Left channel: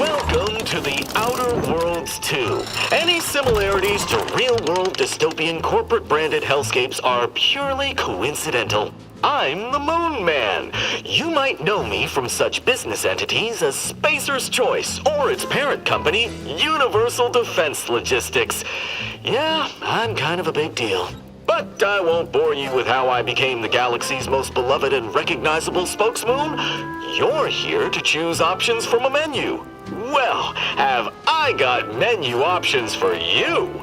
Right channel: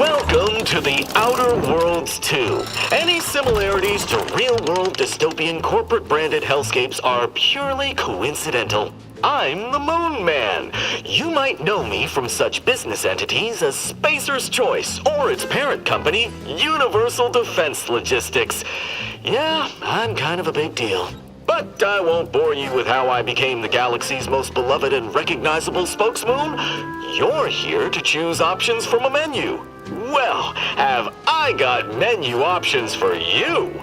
Welcome to the Outer Worlds 2. Any similarities to real-world dystopian corporate-branded hellscapes are purely coincidental. I'm the Moon Man. You might know me from such business entities as Spacer's Choice or its parent company, Universal Defense Logistics. Yeah, I'm kind of a big deal. But I won't bore you with how I became the galaxy's most beloved and recognizable spokesmoon. You're here to choose options from a menu. Well, have I got menu options for you?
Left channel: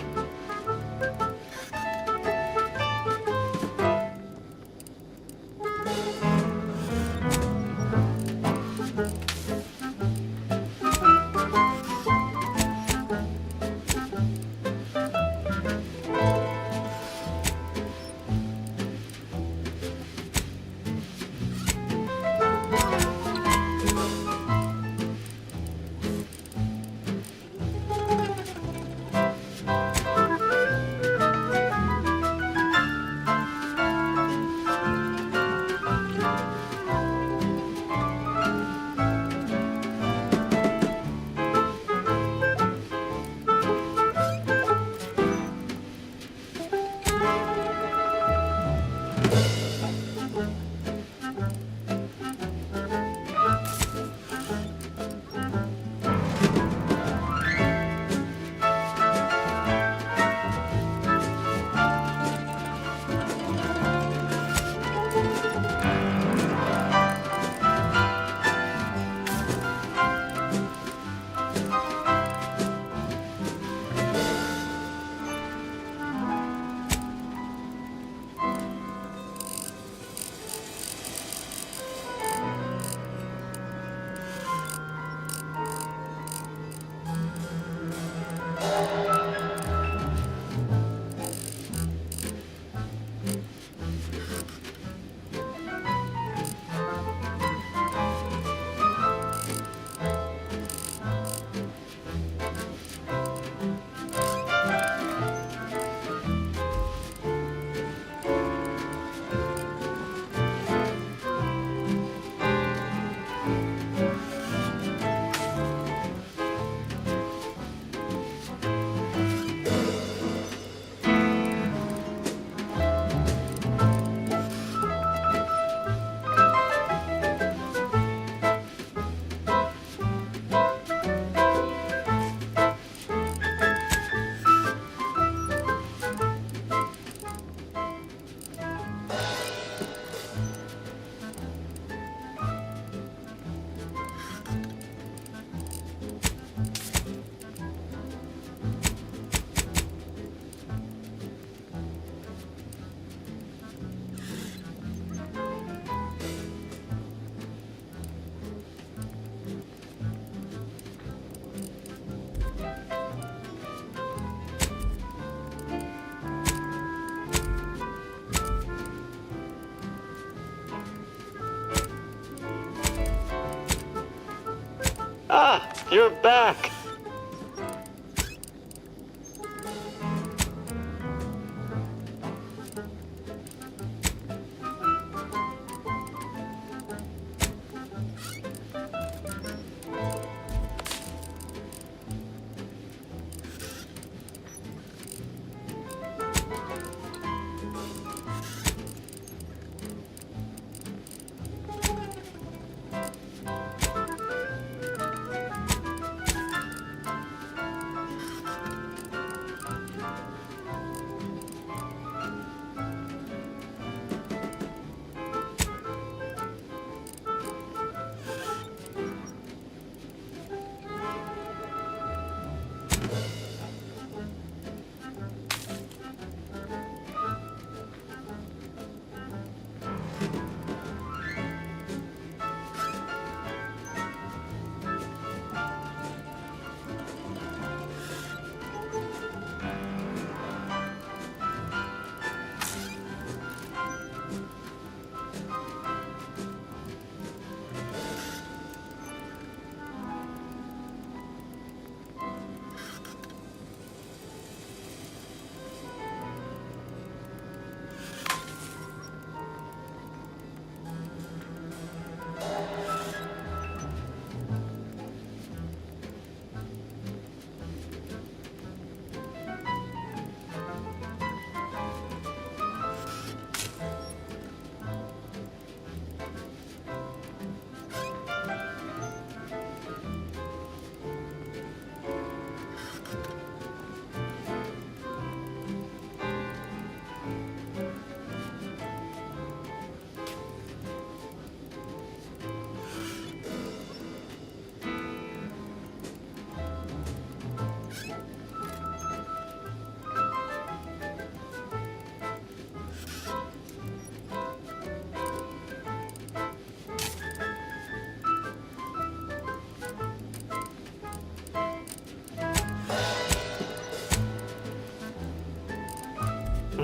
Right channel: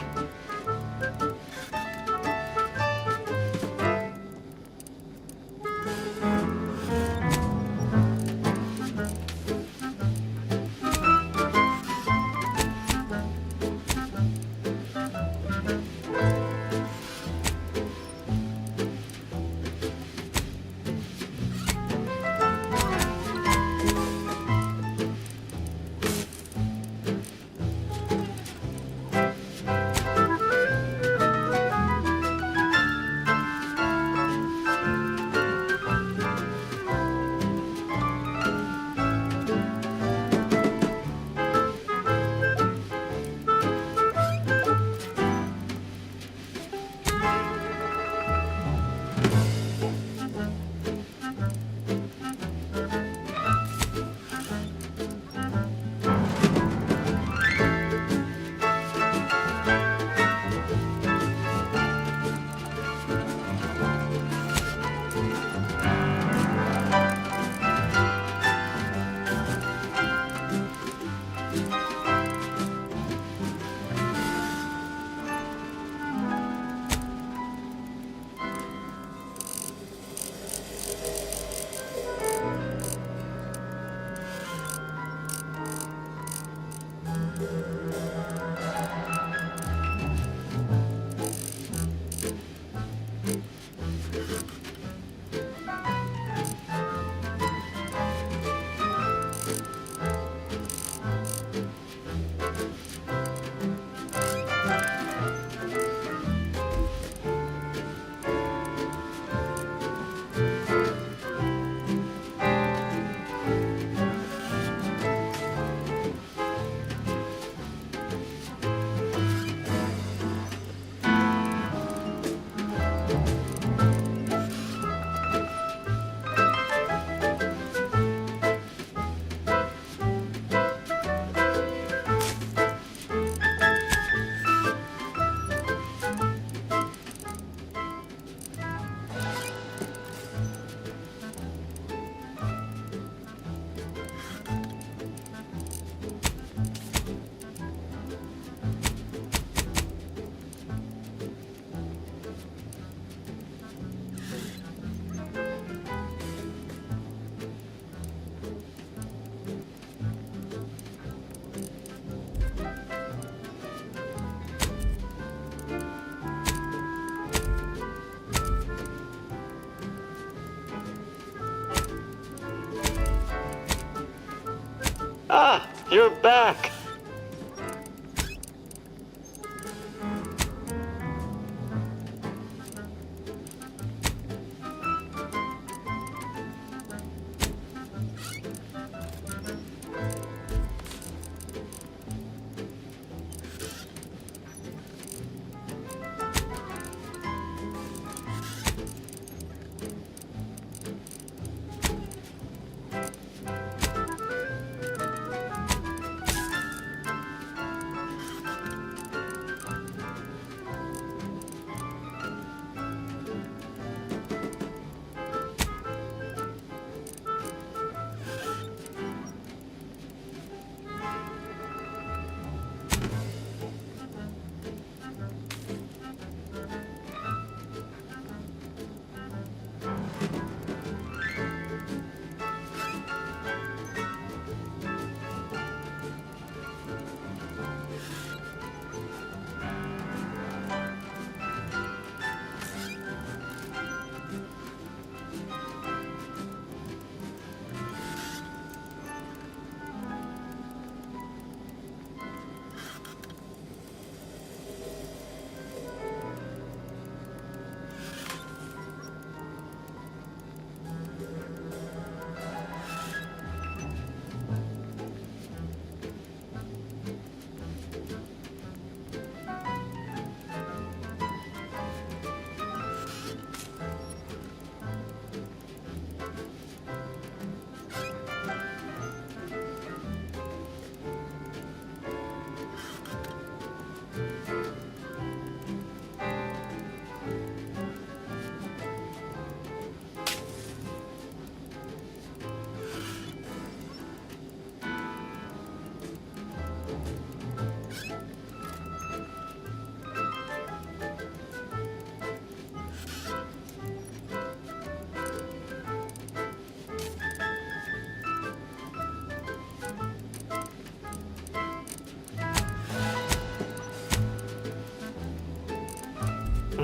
Ah, you're back.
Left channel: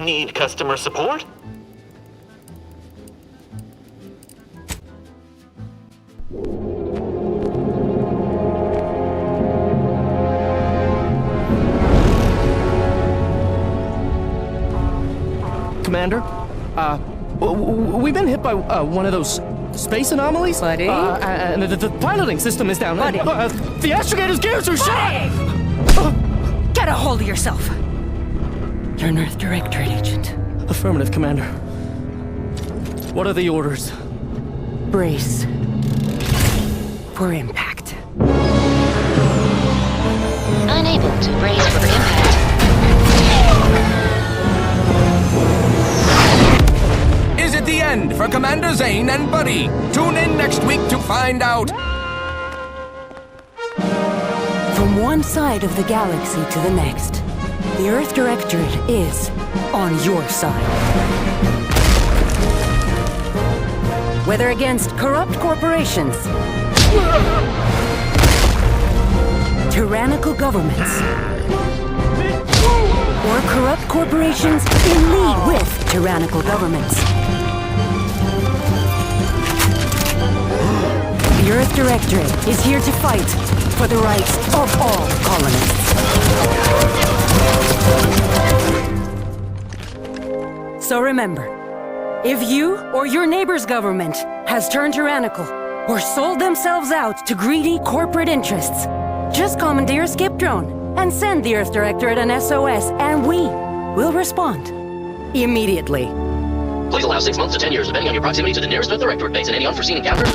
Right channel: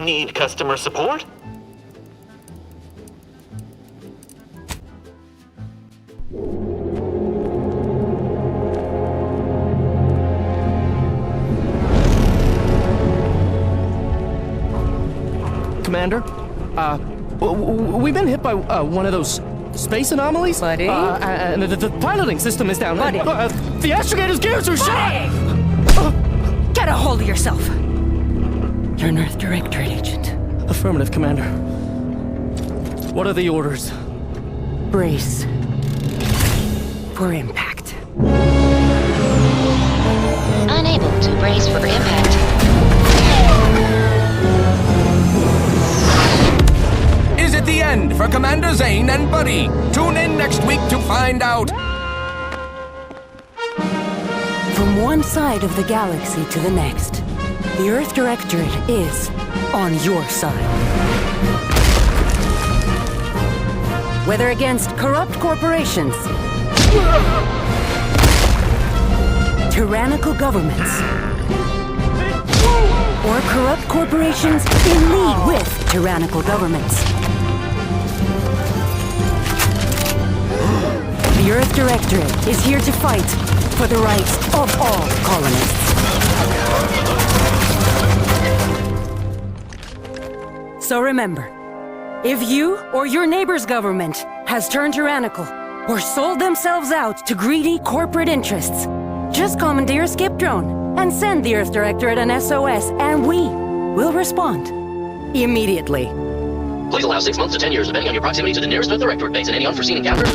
Need customer support? Commander, we've been hit by one of those space anomalies. Buddy? And the piloting system is down. Buddy? The astrogator's gears are shot! Get a hold of yourself! You're an Earth Directorate agent. Affirmative, Commander. What are the orders? Brace for impact. Unable to brace for impact. Is it the end for Commander Zane and Buddy? Tune in next week to find out. From one side of the galaxy to the next, the Earth Directorate is on your side. Whether against corrupt corporations, tyrannical governments, or corrupt corporations in league with tyrannical governments, the Earth Directorate is here to fight for the rights of all colonists. So remember, if you or your neighbor's government has turned tyrannical or sold themselves out to greedy corporate interests, just commandeer a skip drone and send the Earth Directorate an SOS, and we will respond immediately. Please allow 6 months to 10 years, depending on your proximity to the nearest Earth Directorate base and any unforeseen encounters.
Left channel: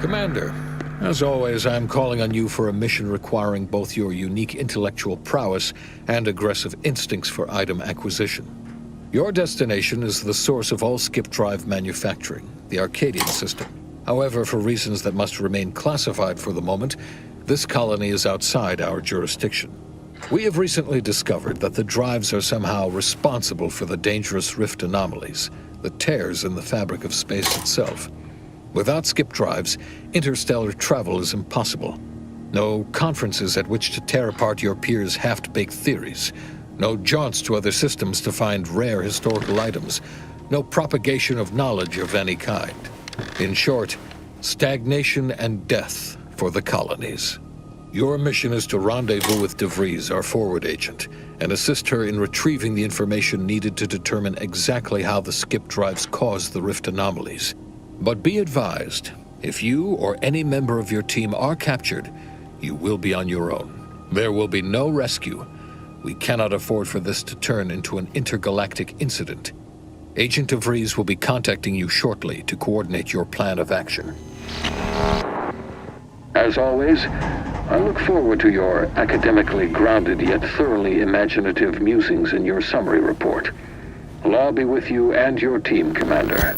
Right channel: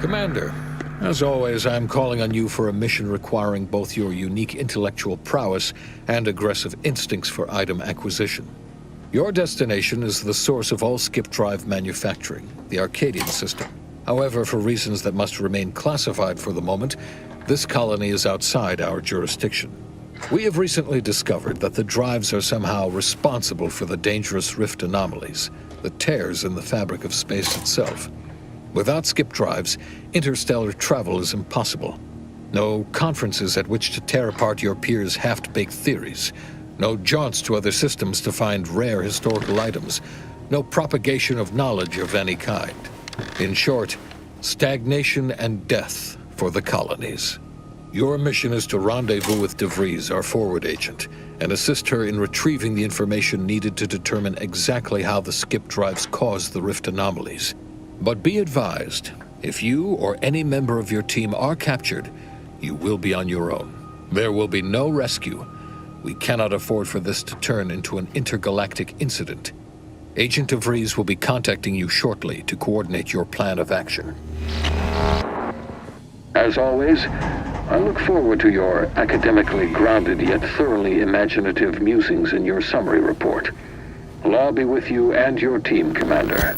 Commander, as always, I'm calling on you for a mission requiring both your unique intellectual prowess and aggressive instincts for item acquisition. Your destination is the source of all skip drive manufacturing, the Arcadian system. However, for reasons that must remain classified for the moment, this colony is outside our jurisdiction. We have recently discovered that the drives are somehow responsible for the dangerous rift anomalies, the tears in the fabric of space itself. Without skip drives, interstellar travel is impossible. No conferences at which to tear apart your peers' half-baked theories. No jaunts to other systems to find rare historical items. No propagation of knowledge of any kind. In short, stagnation and death for the colonies. Your mission is to rendezvous with DeVries, our forward agent, and assist her in retrieving the information needed to determine exactly how the skip drives caused the rift anomalies. But be advised, if you or any member of your team are captured, you will be on your own. There will be no rescue. We cannot afford for this to turn into an intergalactic incident. Agent DeVries will be contacting you shortly to coordinate your plan of action. As always, I look forward to your academically grounded yet thoroughly imaginative musings in your summary report. Law be with you and your team, Commander.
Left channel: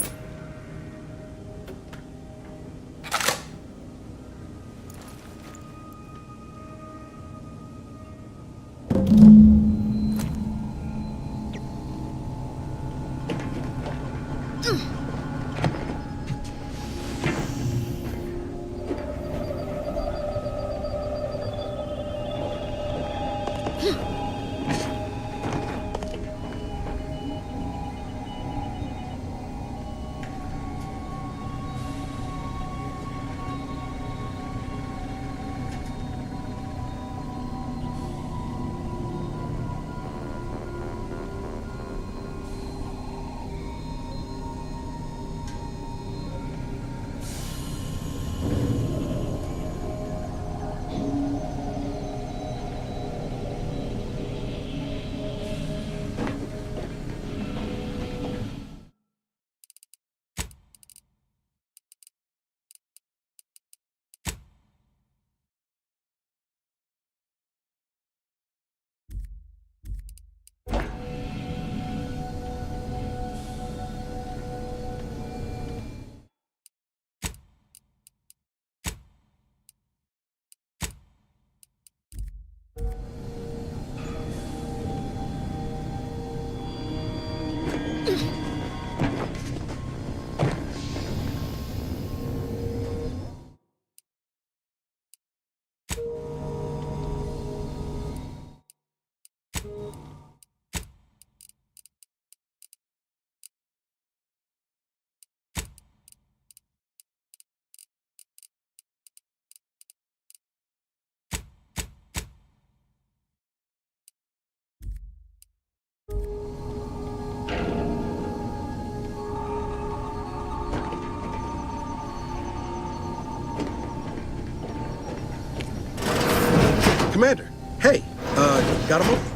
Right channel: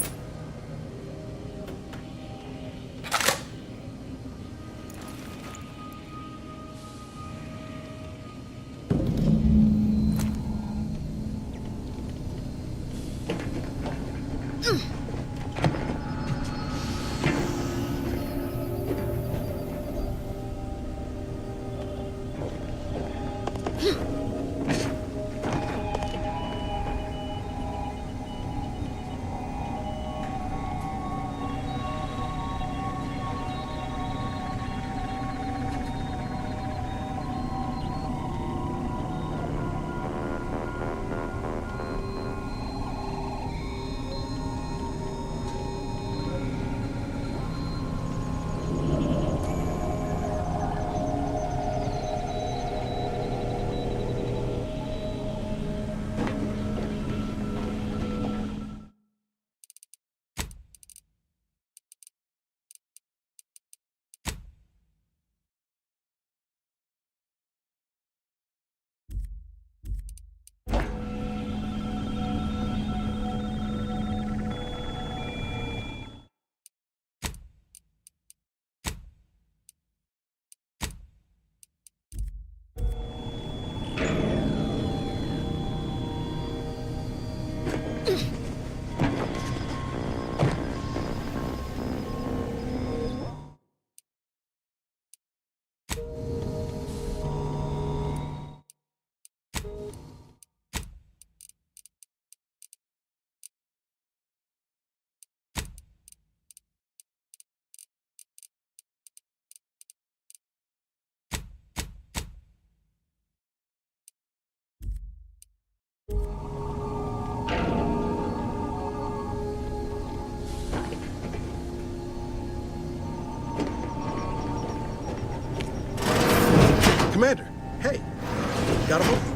Commander, hey, got a moment?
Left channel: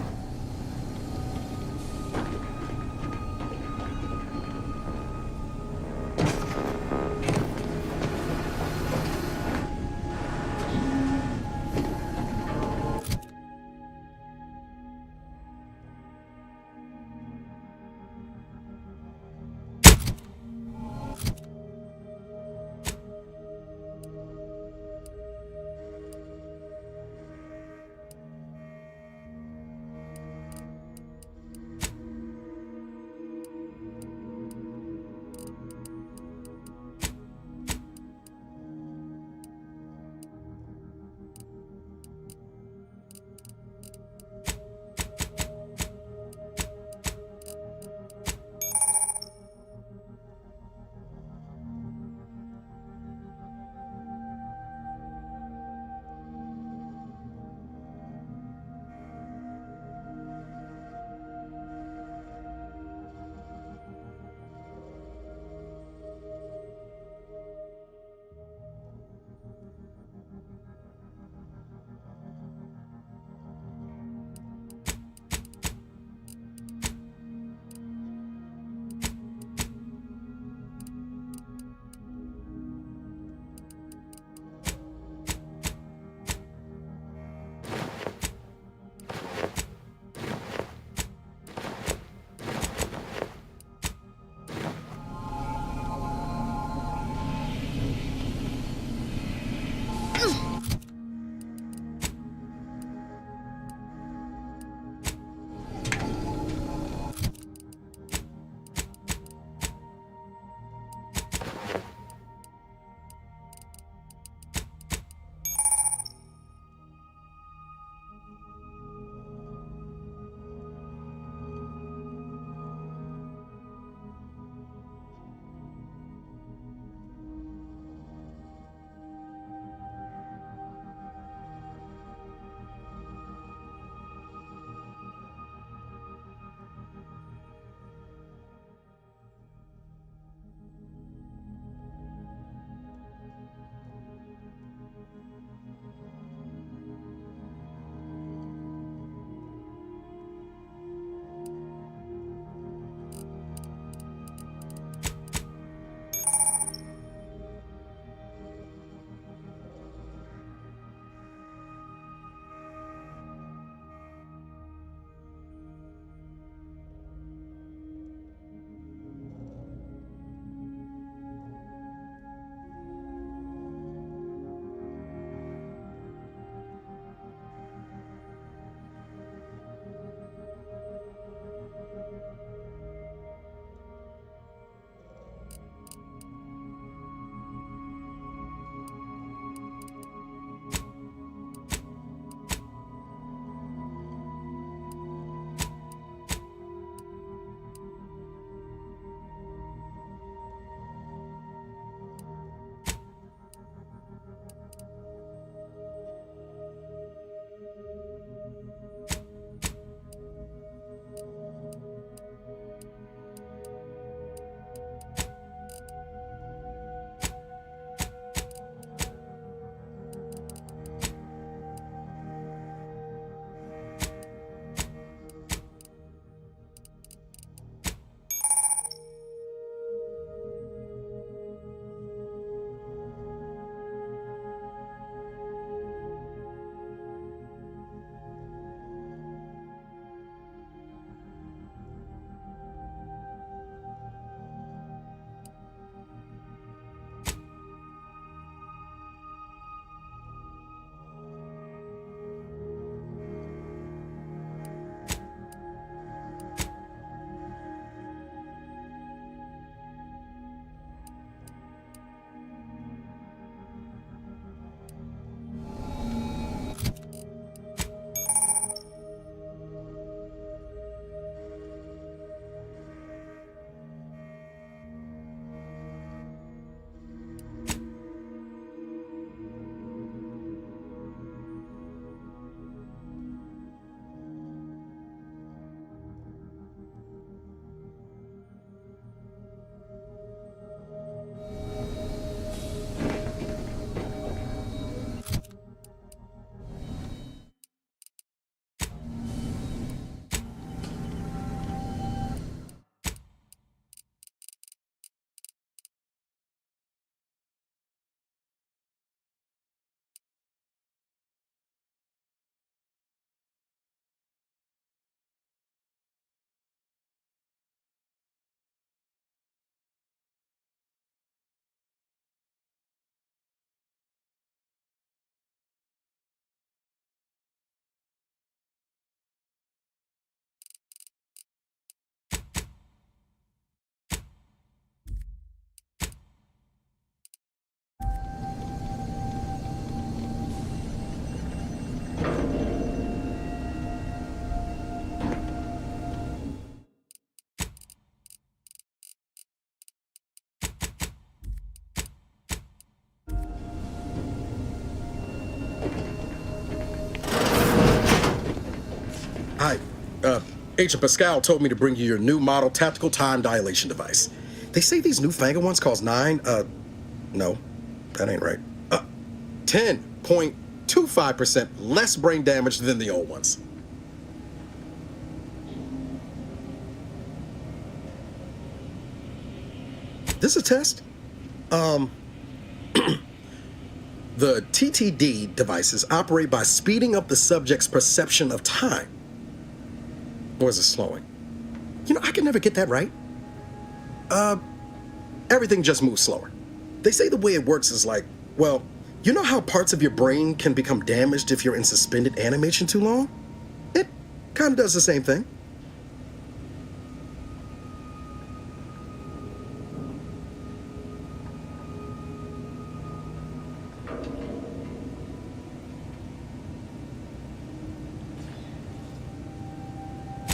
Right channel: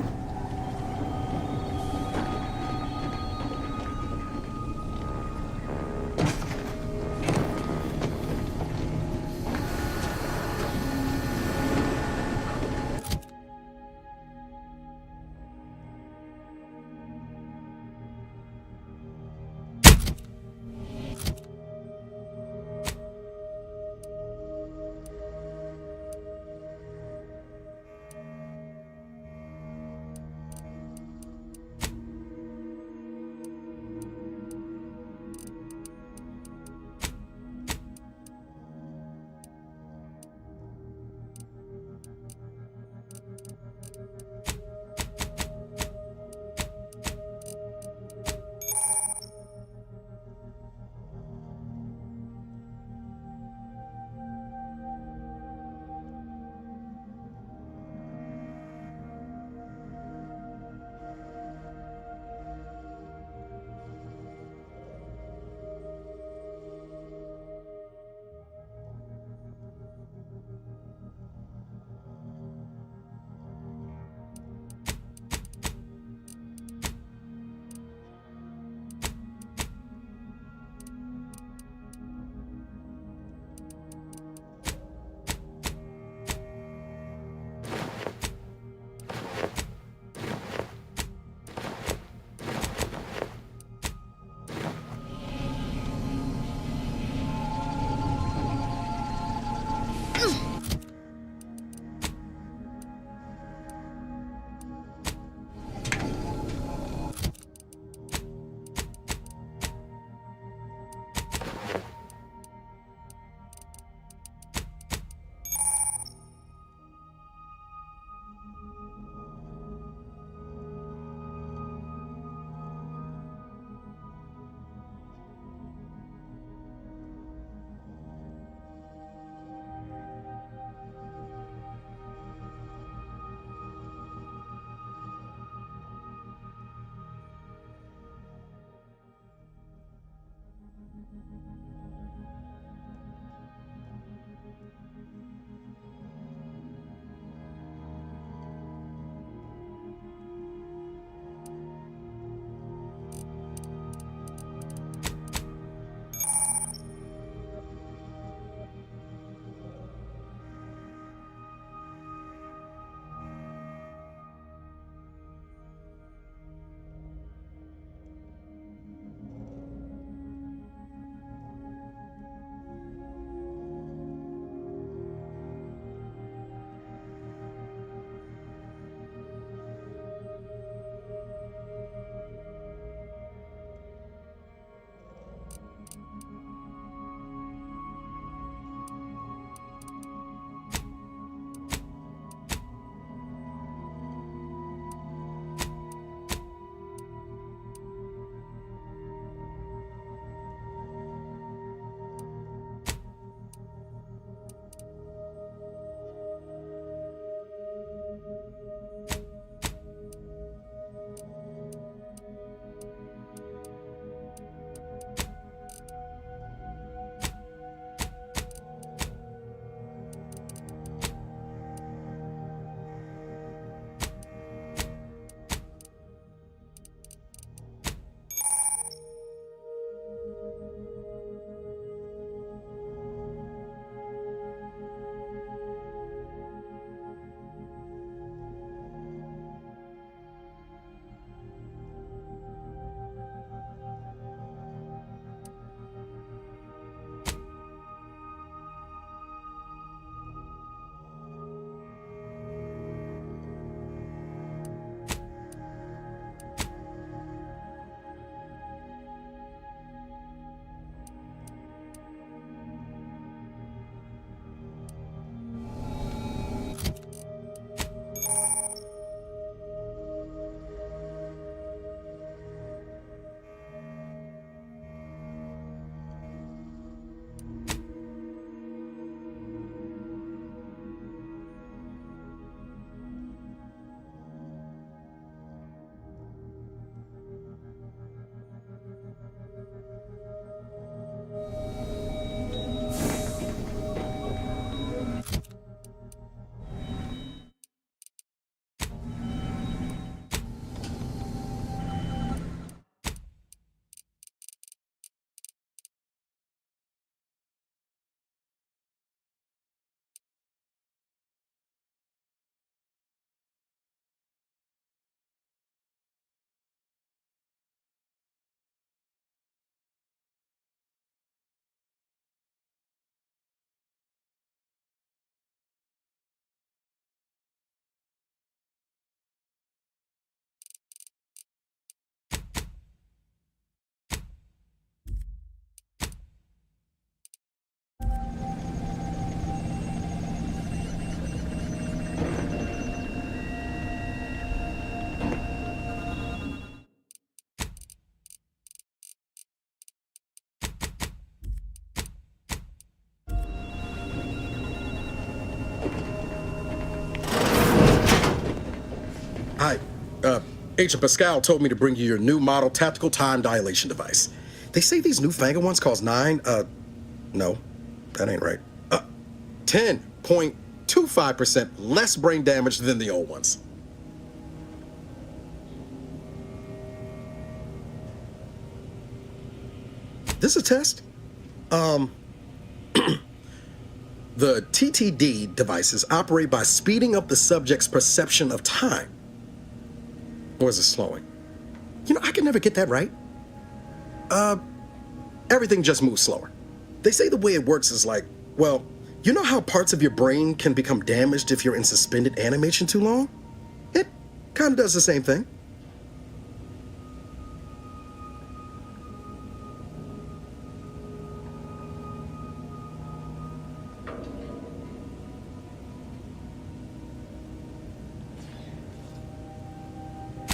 Agent Pascal told me to bring you your new model tactical time dilation device. They say these newfangled ones cause no, that ain't right. 10.25% less brain damage than the old ones. This a test? The TTD devices operate by speeding up the subject's perception of time. Or is it slowing? You know, I can never get that right. Everything just moves slower. They say the way it works is like, well, you know how parts of your brain can become damaged if you're in suspended animation too long? It kind of does the same thing.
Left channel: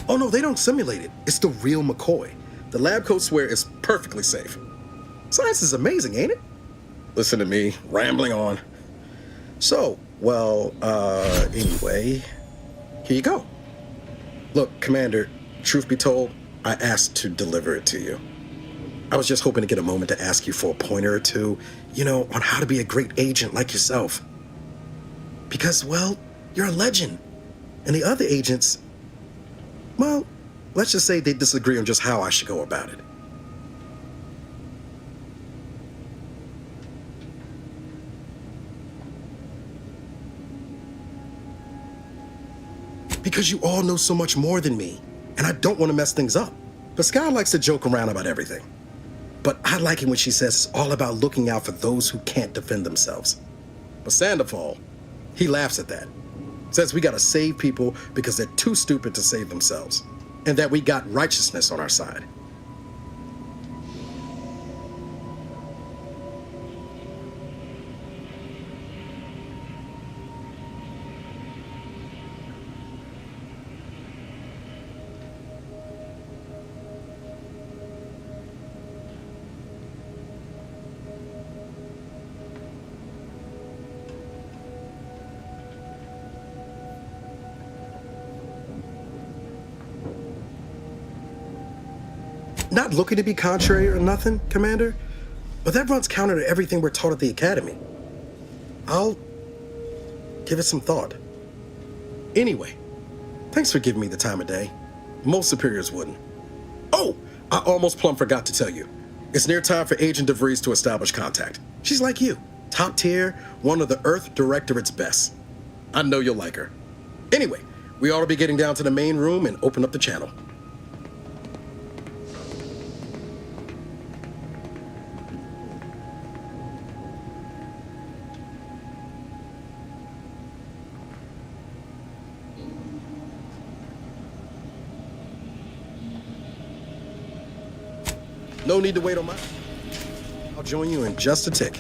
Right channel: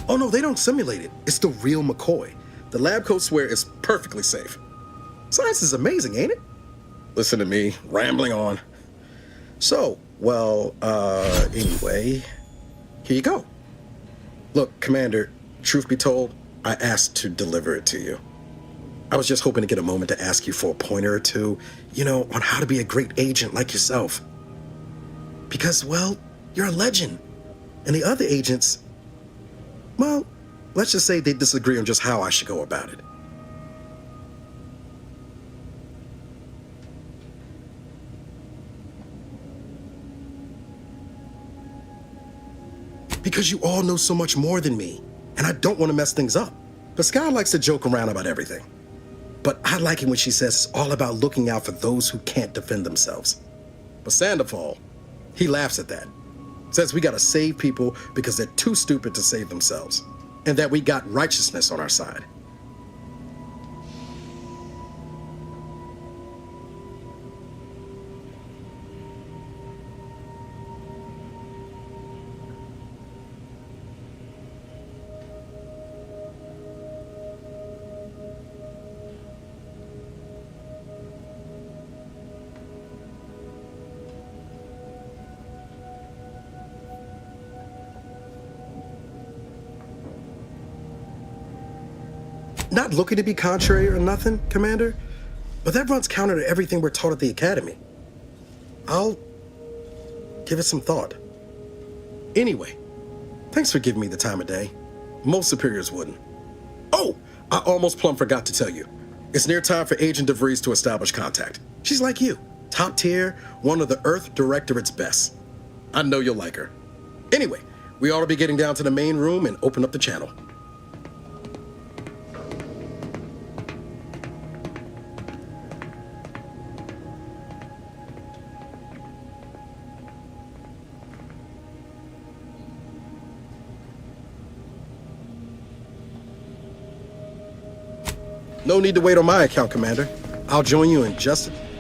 Oh no, they don't simulate it. It's the real McCoy. The lab coats swear it's perfectly safe. Science is amazing, ain't it? Listen to me, rambling on. So, well, anyway, here you go. Look, Commander, truth be told, I asked to deliver it to you. I was just hoping to get a moment to ask you for a pointer or two, you know, on how to be a great agent like yourself. Because, well, you're a legend. And the other agents, well, let's just say they disagree on just how I should go about it. Because you all know so much more than me, and I don't want to mess things up. Pascal likes to joke around about everything. But I like it when she says it's all about looking out for those who can't defend themselves. But Sandoval, he laughs at that. Says we gotta save people because they're too stupid to save themselves, and that we got righteousness on our side. Not looking to be contrary or nothing, Commander, but that runs counter to everything we're taught at the Academy. I'll give it some thought. Anyway, thanks for giving me the time of day. Most superiors wouldn't. Oh, I almost plumb forgot to tell you. It's near time for Agent DeVries to establish contact. She's like you, top tier, one of the Earth Directorate's best. I know you'll like her. Anyway, we ought to be getting down to the main room and open up the channel. No need to wait on my account, Commander. I'll join you in just a tick.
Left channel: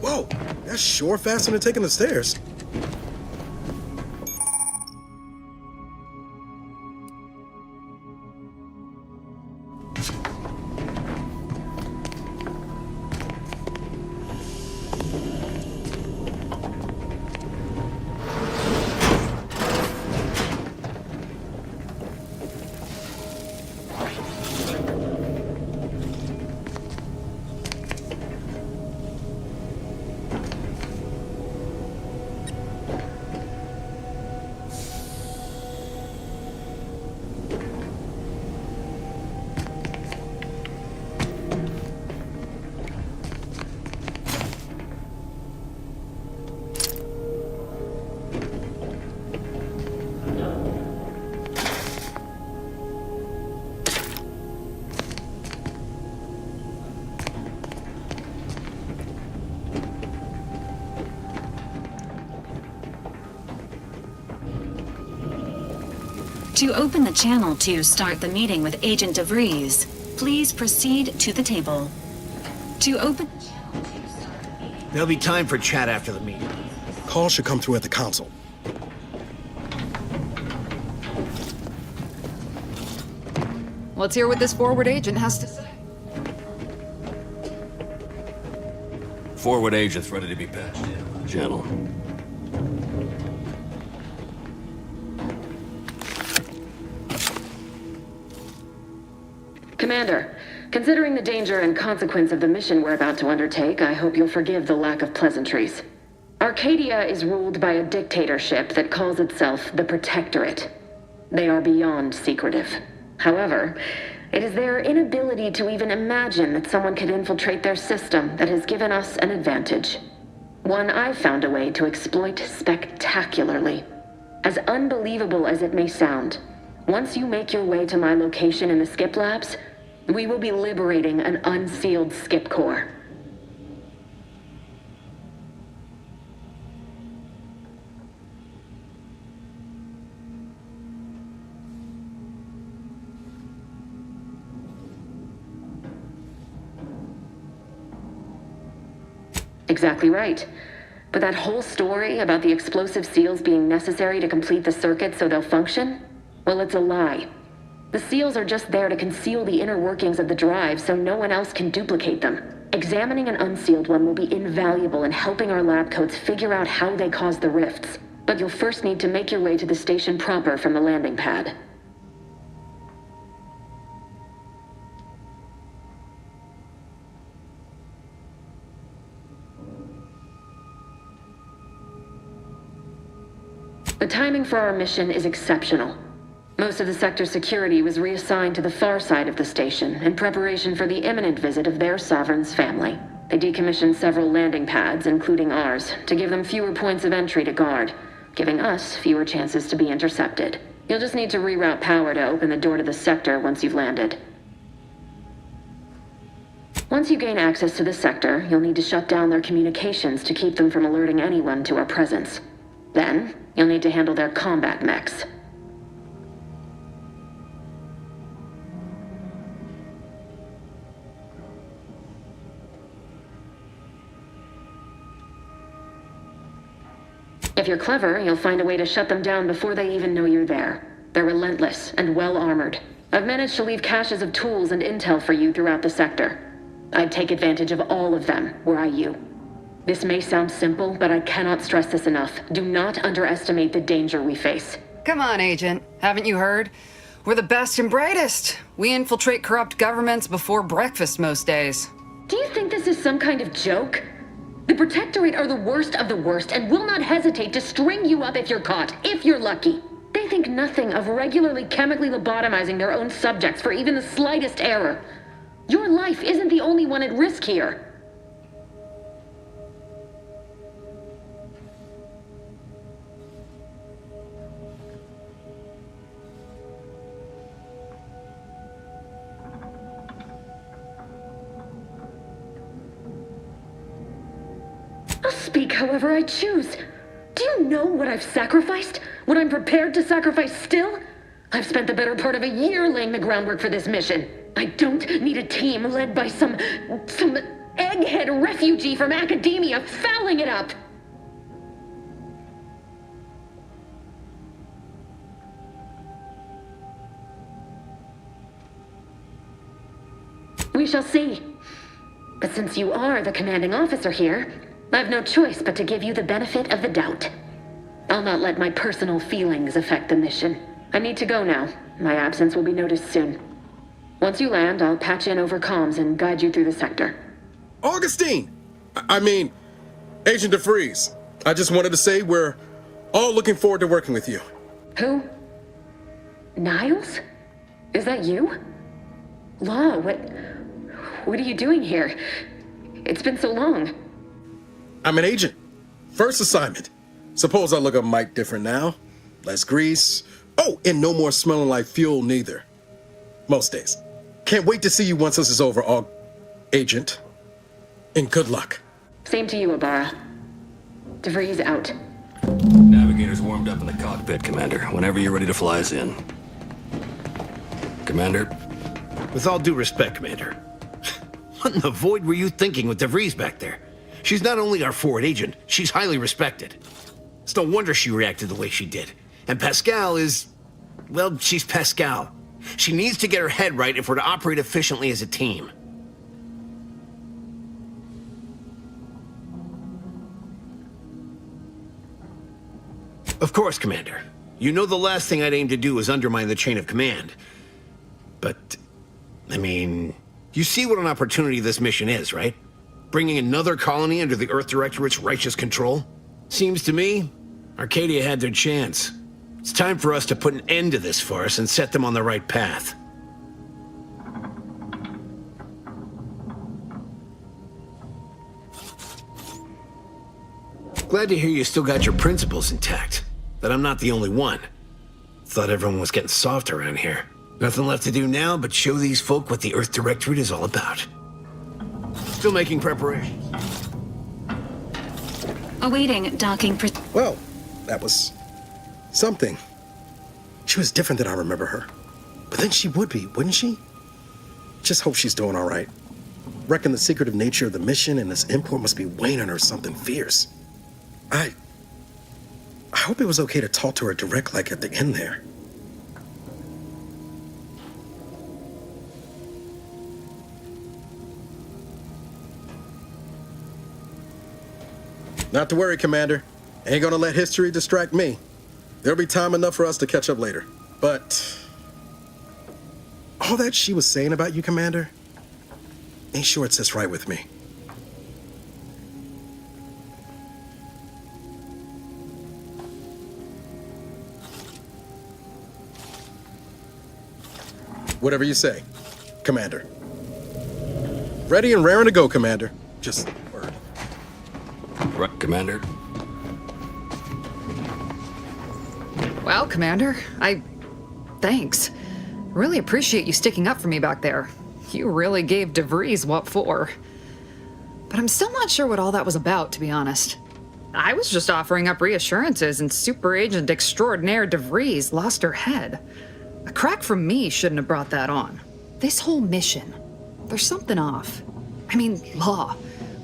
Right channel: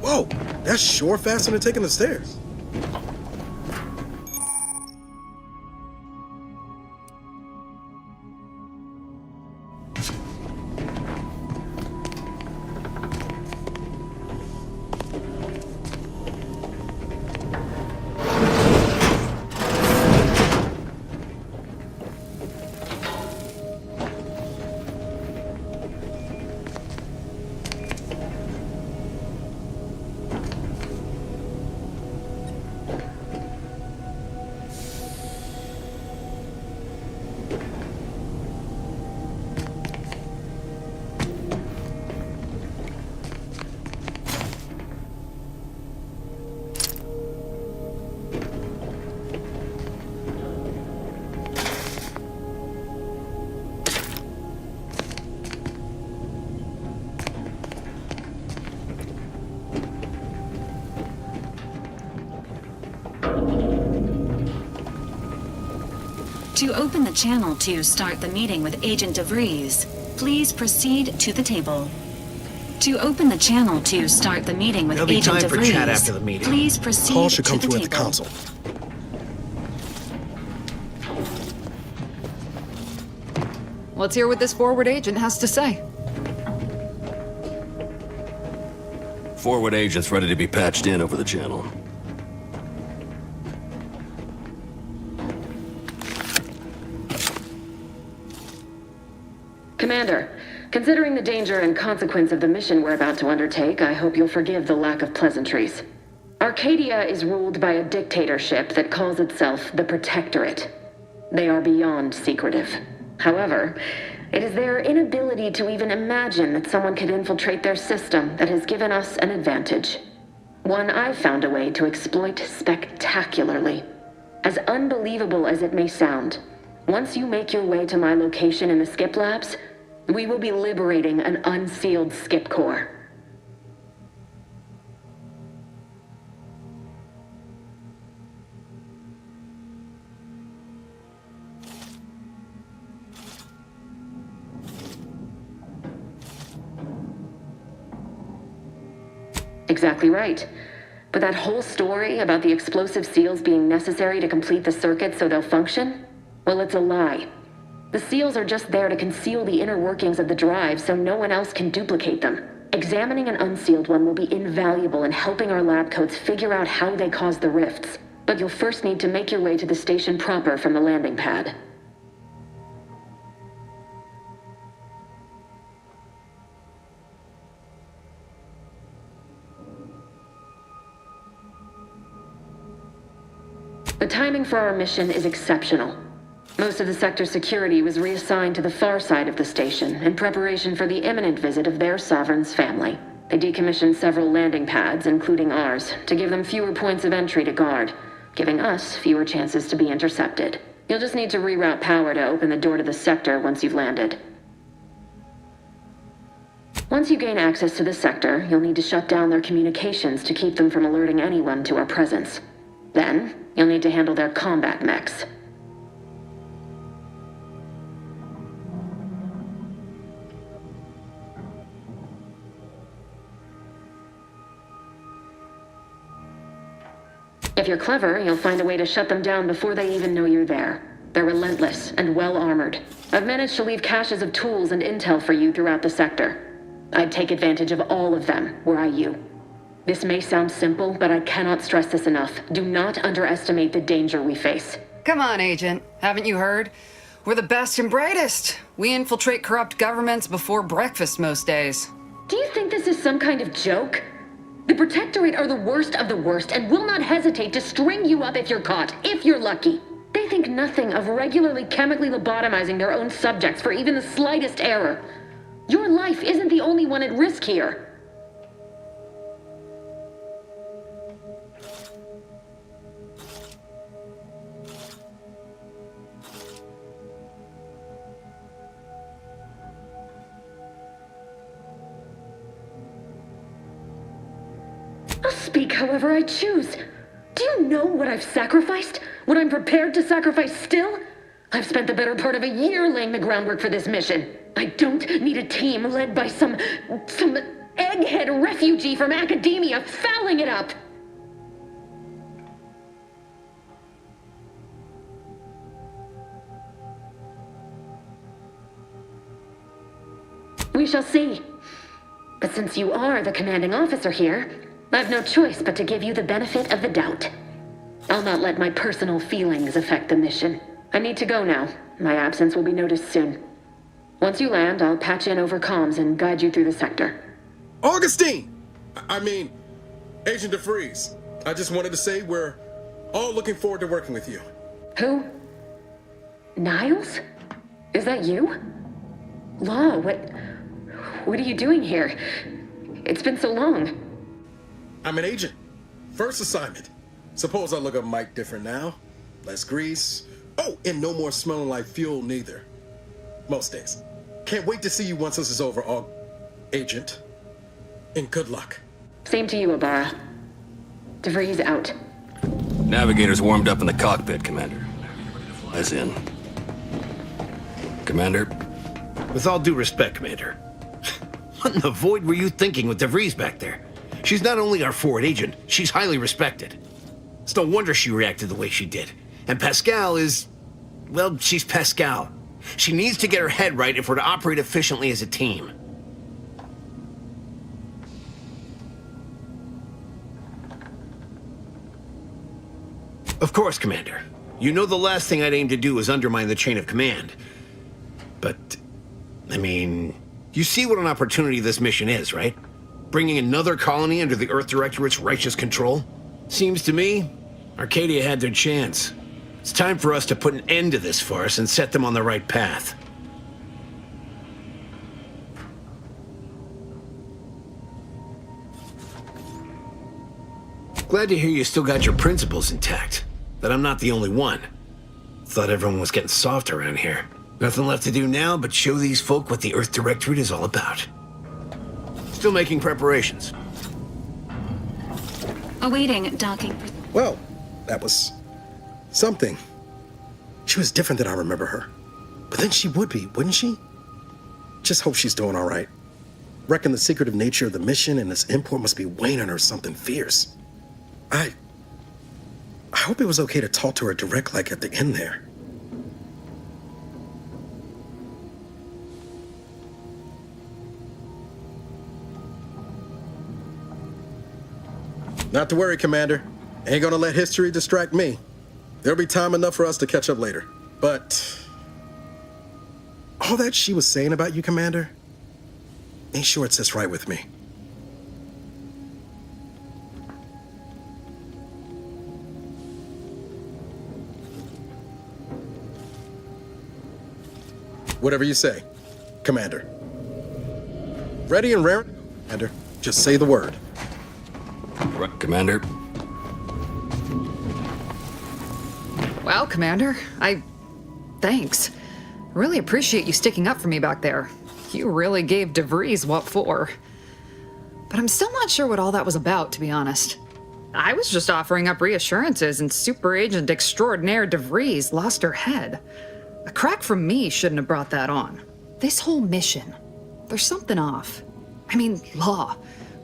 Whoa, that's sure faster than taking the stairs. To open the channel to start the meeting with Agent DeVries, please proceed to the table. To open the channel to start the meeting with There'll be Agent time for DeVries, chat after the meeting. Please proceed. Call should come to through at the table. console. Let's hear what this forward agent has to say. Forward agent's ready to be patched in over the channel. Commander, considering the danger and consequence of the mission we're about to undertake, I hope you'll forgive the lack of pleasantries. Arcadia is ruled by a dictatorship that calls itself the Protectorate. They are beyond secretive. However, it is their inability to even imagine that someone could infiltrate their system that has given us an advantage. One I've found a way to exploit spectacularly. As unbelievable as it may sound, once you make your way to my location in the Skip Labs, we will be liberating an unsealed Skip core. Exactly right. But that whole story about the explosive seals being necessary to complete the circuit so they'll function? Well, it's a lie. The seals are just there to conceal the inner workings of the drive so no one else can duplicate them. Examining an unsealed one will be invaluable in helping our lab coats figure out how they cause the rifts. But you'll first need to make your way to the station proper from the landing pad. The timing for our mission is exceptional. Most of the sector's security was reassigned to the far side of the station in preparation for the imminent visit of their sovereign's family. They decommissioned several landing pads, including ours, to give them fewer points of entry to guard, giving us fewer chances to be intercepted. You'll just need to reroute power to open the door to the sector once you've landed. Once you gain access to the sector, you'll need to shut down their communications to keep them from alerting anyone to our presence. Then, you'll need to handle their combat mechs. If you're clever, you'll find a way to shut them down before they even know you're there. They're relentless and well-armored. I've managed to leave caches of tools and intel for you throughout the sector. I'd take advantage of all of them, were I you. This may sound simple, but I cannot stress this enough. Do not underestimate the danger we face. Come on, Agent. Haven't you heard? We're the best and brightest. We infiltrate corrupt governments before breakfast most days. Do you think this is some kind of joke? The Protectorate are the worst of the worst and will not hesitate to string you up if you're caught, if you're lucky. They think nothing of regularly chemically lobotomizing their own subjects for even the slightest error. Your life isn't the only one at risk here. I'll speak however I choose. Do you know what I've sacrificed? What I'm prepared to sacrifice still? I've spent the better part of a year laying the groundwork for this mission. I don't need a team led by some egghead refugee from academia fouling it up! We shall see. But since you are the commanding officer here, I've no choice but to give you the benefit of the doubt. I'll not let my personal feelings affect the mission. I need to go now. My absence will be noticed soon. Once you land, I'll patch in over comms and guide you through the sector. Augustine! Agent DeVries. I just wanted to say we're all looking forward to working with you. Who? Niles? Is that you? Law, what are you doing here? It's been so long. I'm an agent. First assignment. Suppose I look a mite different now. Less grease. Oh, and no more smelling like fuel neither. Most days. Can't wait to see you once this is over, Agent. And good luck. Same to you, Ibarra. DeVries out. Navigator's warmed up in the cockpit, Commander. Whenever you're ready to fly us in. Commander? With all due respect, Commander. What in the void were you thinking with DeVries back there? She's not only our forward agent, she's highly respected. It's no wonder she reacted the way she did. And Pascal is... well, she's Pascal. She needs to get her head right if we're to operate efficiently as a team. Of course, Commander. You know the last thing I'd aim to do is undermine the chain of command. But, you see what an opportunity this mission is, right? Bringing another colony under the Earth Directorate's righteous control? Seems to me, Arcadia had their chance. It's time for us to put an end to this farce and set them on the right path. Glad to hear you still got your principles intact. That I'm not the only one. Thought everyone was getting soft around here. Nothing left to do now but show these folk what the Earth Directorate is all about. Still making preparations. Awaiting docking. Well, that was something. She was different than I remember her. But then she would be, wouldn't she? Just hope she's doing all right. Reckon the secretive nature of the mission and this import must be weighing on her something fierce. I hope it was okay to talk to her direct like at the end there. Not to worry, Commander. Ain't gonna let history distract me. There'll be time enough for us to catch up later. But all that she was saying about you, Commander, ain't sure it sits right with me. Whatever you say, Commander. Ready and raring to go, Commander. Just say the word. Right, Commander. Well, Commander, thanks. Really appreciate you sticking up for me back there. You really gave DeVries what for. But I'm still not sure what all that was about, to be honest. I was just offering up reassurances and Super Agent Extraordinaire DeVries lost her head. A crack from me shouldn't have brought that on. This whole mission, there's something off. Law.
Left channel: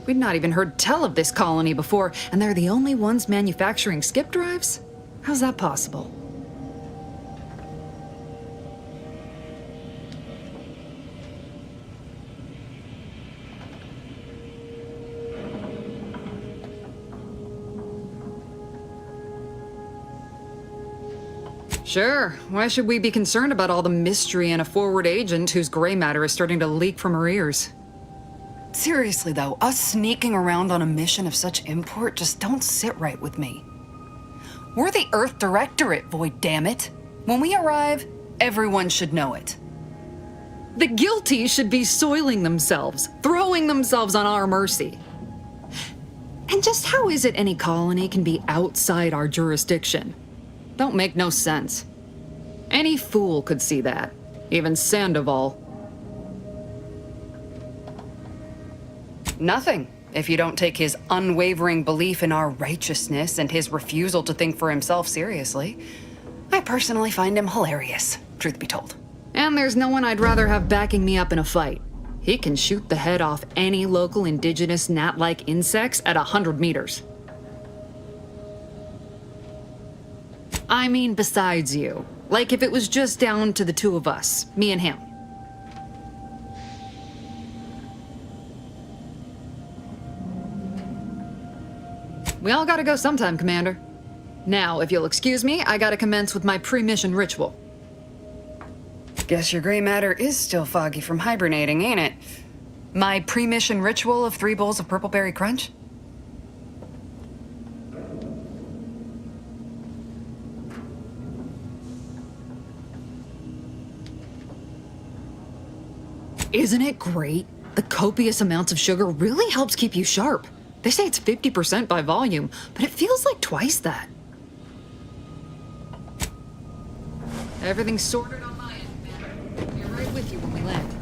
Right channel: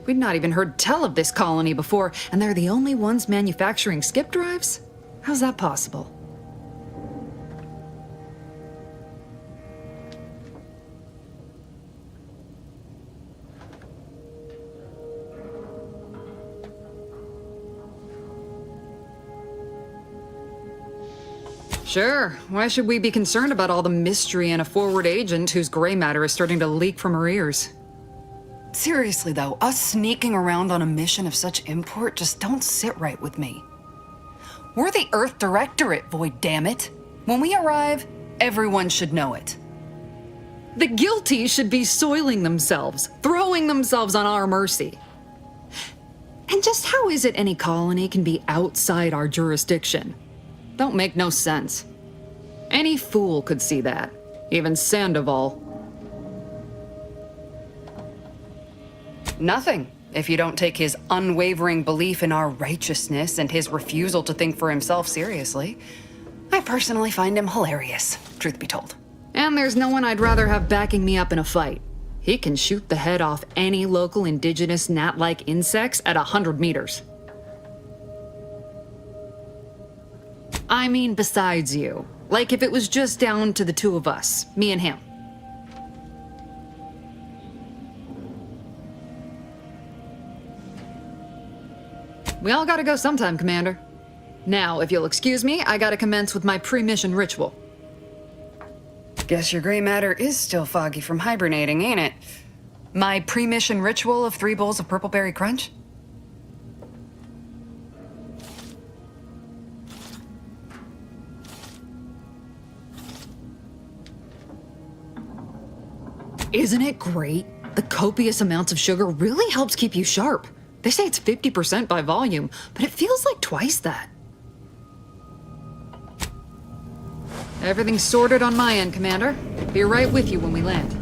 We'd not even heard tell of this colony before, and they're the only ones manufacturing skip drives? How's that possible? Sure. Why should we be concerned about all the mystery in a forward agent whose gray matter is starting to leak from her ears? Seriously though, us sneaking around on a mission of such import just don't sit right with me. We're the Earth Directorate, Void, damn it. When we arrive, everyone should know it. The guilty should be soiling themselves, throwing themselves on our mercy. And just how is it any colony can be outside our jurisdiction? Don't make no sense. Any fool could see that, even Sandoval. Nothing, if you don't take his unwavering belief in our righteousness and his refusal to think for himself seriously. I personally find him hilarious, truth be told. And there's no one I'd rather have backing me up in a fight. He can shoot the head off any local indigenous gnat-like insects at 100 meters. I mean, besides you. Like if it was just down to the two of us, me and him. We all gotta go sometime, Commander. Now, if you'll excuse me, I gotta commence with my pre-mission ritual. Guess your gray matter is still foggy from hibernating, ain't it? My pre-mission ritual of 3 bowls of purple berry crunch? Isn't it great? The copious amounts of sugar really helps keep you sharp. They say it's 50% by volume, but it feels like twice that. Everything's sorted on my end, Commander. Be right with you when we land.